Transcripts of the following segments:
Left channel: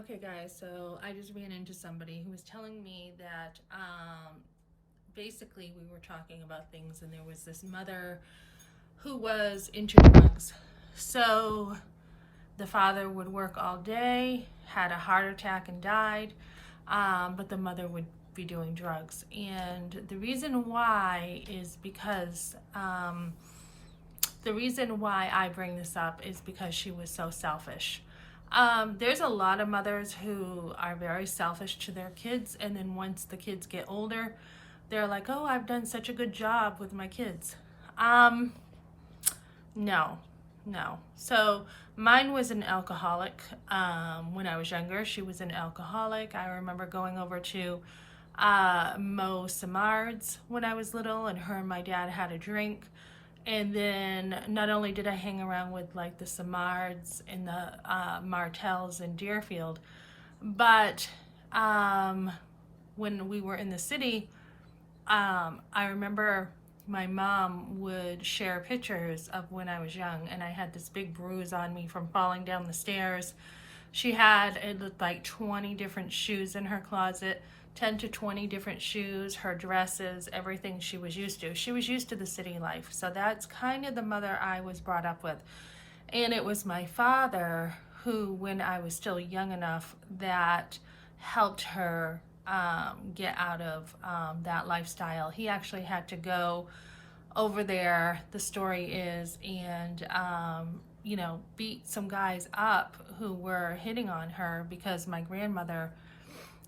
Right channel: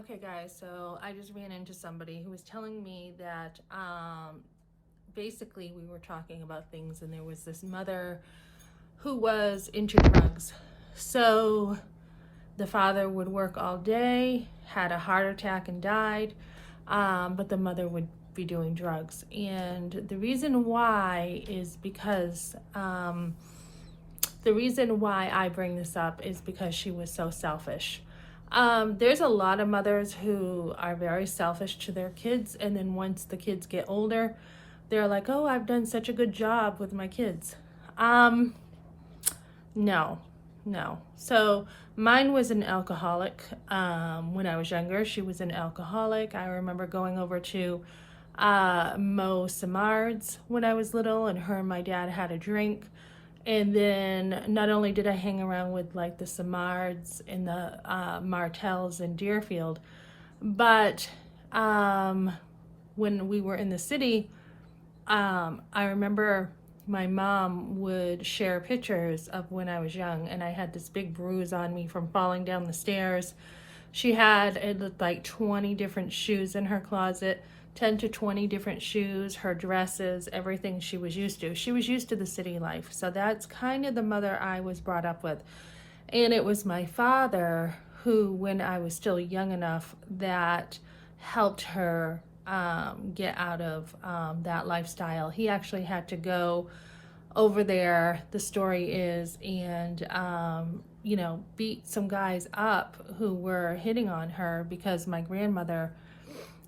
Okay, guys, so I just ran into somebody who was telling me that basically we were talking about things, and there was this mother who was into drugs. So the father would work all day, had a heart attack, and died, but the mother would be doing drugs. And the reason why is because the reason why I bring this up is because she was so selfish. There's a lot of mothers who are very selfish to their kids, and then once the kids get older, they're like, oh, I've done such a good job with my kids. No, no. So mine was an alcoholic. When I was younger, she was an alcoholic. I remember going over to Mo Samard's when I was little, and her and my dad had a drink. And then not only did I hang around with like the Samards and the Martells in Deerfield, but when we were in the city, I remember my mom would share pictures of when I was young, and I had this big bruise on me from falling down the stairs. She had, it looked like 20 different shoes in her closet, 10 to 20 different shoes, her dresses, everything she was used to. She was used to the city life. So that's kind of the mother I was brought up with. And it was my father who, when I was still young enough, that helped her get out of that lifestyle. He actually had to go over there, the story is, and beat some guys up who were hitting on her because my grandmother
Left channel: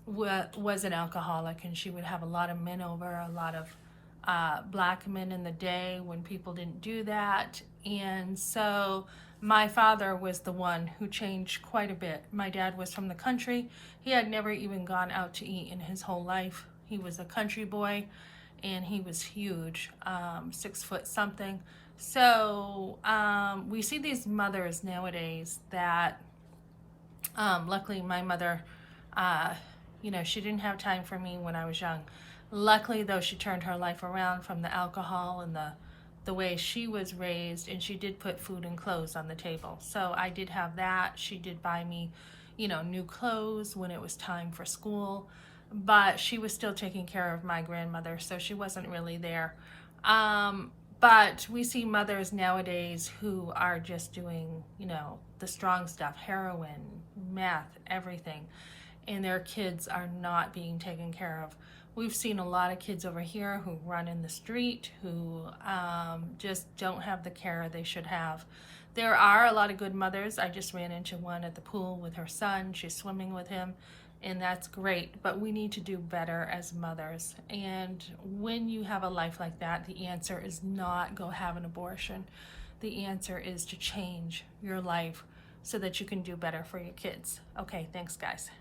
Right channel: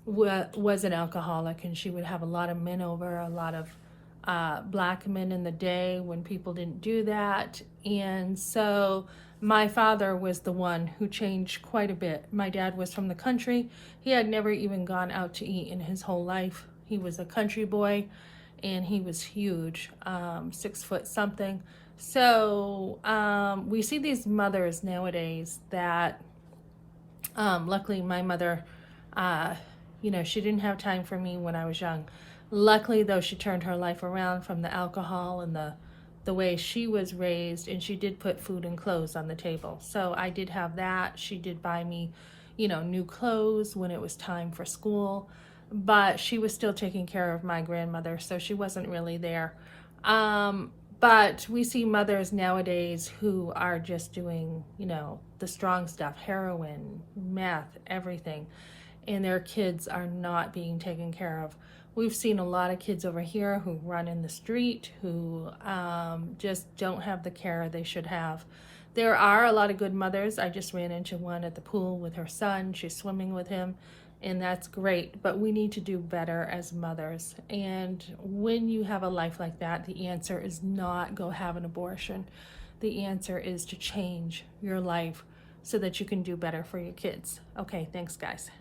was an alcoholic, and she would have a lot of men over, a lot of black men in the day when people didn't do that. And so my father was the one who changed quite a bit. My dad was from the country. He had never even gone out to eat in his whole life. He was a country boy, and he was huge, 6 foot something. So we see these mothers nowadays that luckily my mother, she didn't have time for me when I was young. Luckily, though, she turned her life around from the alcohol and the way she was raised, and she did put food and clothes on the table. So I did have that. She did buy me, new clothes when it was time for school, but she was still taking care of my grandmother, so she wasn't really there. But we see mothers nowadays who are just doing, the strong stuff, heroin, meth, everything, and their kids are not being taken care of. We've seen a lot of kids over here who run in the street, who just don't have the care they should have. There are a lot of good mothers. I just ran into one at the pool with her son. She's swimming with him, and that's great. But we need to do better as mothers. And when you have a life like that, the answer is not go have an abortion. The answer is to change your life so that you can do better for your kids. Okay, thanks, guys.